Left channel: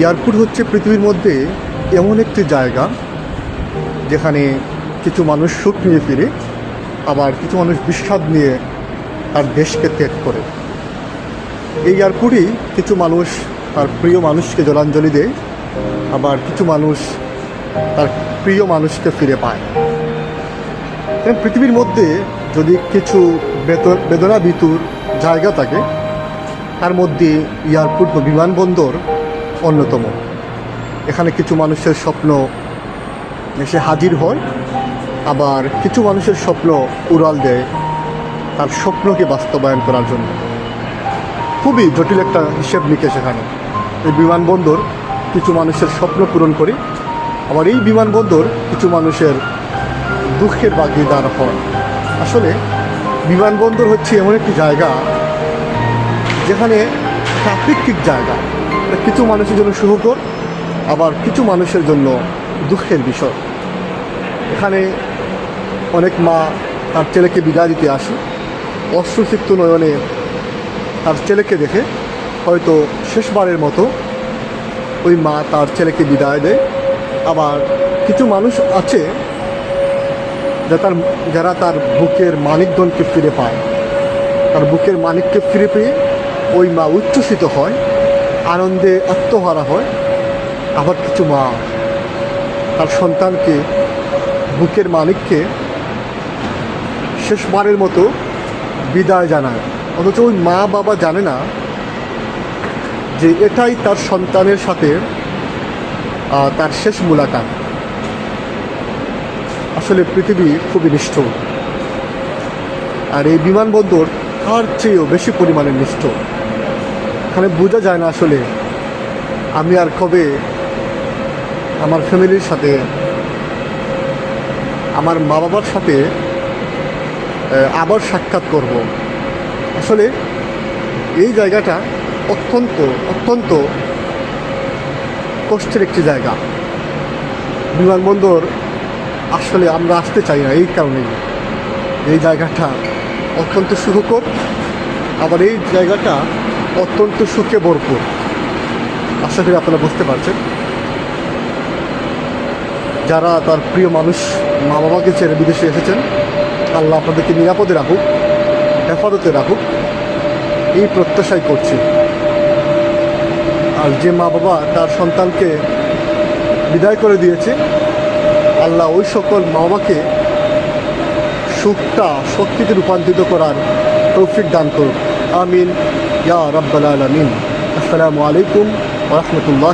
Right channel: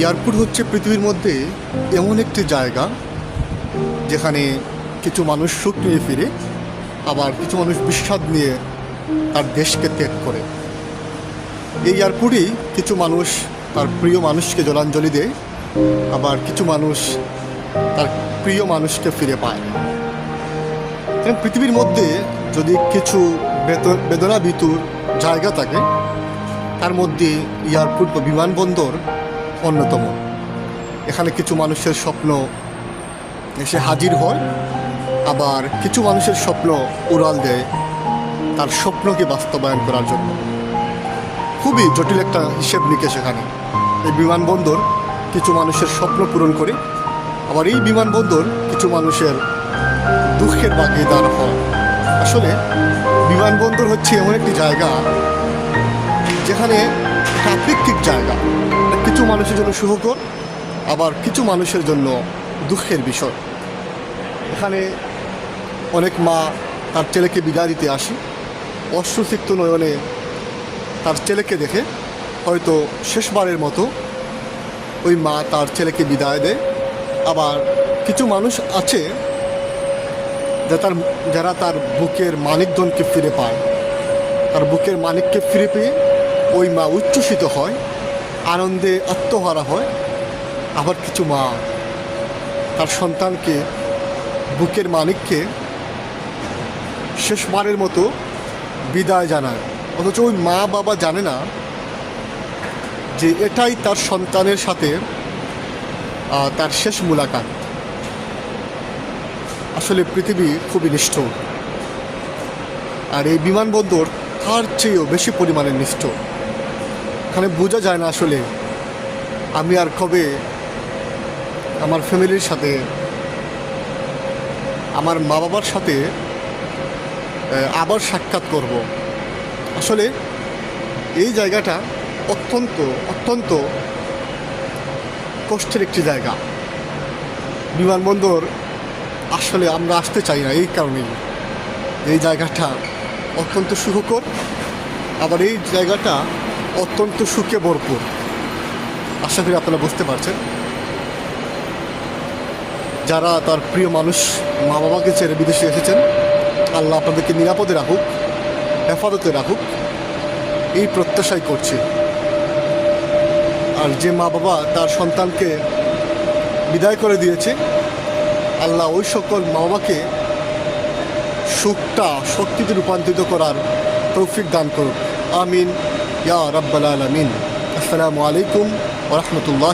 Airport হচ্ছে পৃথিবীর মধ্যে এমন একটি জায়গা যেখানে কিছু মানুষ সুখ নিয়ে ফিরে, আবার কিছু মানুষ বিষাদ নিয়ে তার দেশকে ত্যাগ করে। এই এয়ারপোর্টেই কিছু মানুষ তার প্রিয় মানুষকে জলাঞ্জলি দেয়, আবার কিছু মানুষ তার প্রিয় মানুষকে ফিরে পায়। পৃথিবীর মধ্যে যদি কিছু বেদনাবিতুর জায়গা থাকে, তার মধ্যে এয়ারপোর্ট বা বিমানবন্দর অন্যতম। এখানে কিছু মানুষের স্বপ্ন এসে হাজির হয়, আবার কিছু মানুষের স্বপ্ন উড়াল দেয় তার স্বপ্নকে বাস্তবায়ন করার জন্য। খুবই জটিল একটা হিসেব নিকেশ এখানে। এই বিমানবন্দর কিছু মানুষের স্বপ্ন পূরণ করে, আবার এই বিমানবন্দর কিছু মানুষের দুঃখের ভাগিদার হয়। আসলে বিমানবন্দর হচ্ছে এমন একটি জায়গা যেখানে আপেক্ষিক জায়গা, কিছু মানুষের জন্য সুখকর, আবার কিছু মানুষের জন্য দুঃখের বিষয়। এখানে অনেক মা তার ছেলেকে বিদায় দিতে আসে, অশ্রুসিক্ত নয়নে তার ছেলেকে দেখে হয়তো শেষবারের মতো ওই মা তার ছেলেকে বিদায় দেয়। আবার কিছু মানুষ আছে যারা তার বুকের মানিকগণকে ফিরে পায়। তার বুকের মানিককে ফিরে পেয়ে ওই মা উচ্ছ্বসিত হয়, আনন্দে আত্মহারা হয়। আবার কিছু মা তার সন্তানকে, বুকের মানিককে শেষবারের মতো বিদায় জানায়, অথচ ওই মা বাবা জানে না যে এটাই তার সন্তানের সাথে তার শেষ মুলাকাত। আসলে পৃথিবী খুবই নিষ্ঠুর, আর এই বিমানবন্দর তার চেয়েও বেশি পরিমাণে নিষ্ঠুর। এখানে বোঝা যায় না আসলে আমি আর কবে আমার ফ্যামিলির সাথে, আমার মা বাবার সাথে আবার সাক্ষাৎ করব। আসলে এই জায়গাটা অত্যন্ত কষ্টের একটি জায়গা। বিমানবন্দর আসলে আমরা আসতে চাই না এই কারণেই। এই জায়গাটা অত্যন্ত সুখকর, আবার এই জায়গাটা অত্যন্ত সুখে ভরপুর। আশা করি আপনারা বুঝতে পারছেন। যারা তার প্রিয় মানুষ মা বাবাকে ছেড়ে বিদেশে এসেছেন, আল্লাহ আপনাদেরকে নিরাপদে রাখুক, হেফাজতে রাখুক, এই প্রত্যাশাই করছি। আর যে মা বাবা তার সন্তানকে বিদায় করে দিয়েছে, আল্লাহ ওই সকল মা বাবাকে সুখটা শক্তিতে রূপান্তরিত করার তৌফিক দান করুক। আমিন ইয়া রাব্বাল আলামিন। আসসালামু আলাইকুম ওয়া রাহমাতুল্লাহ।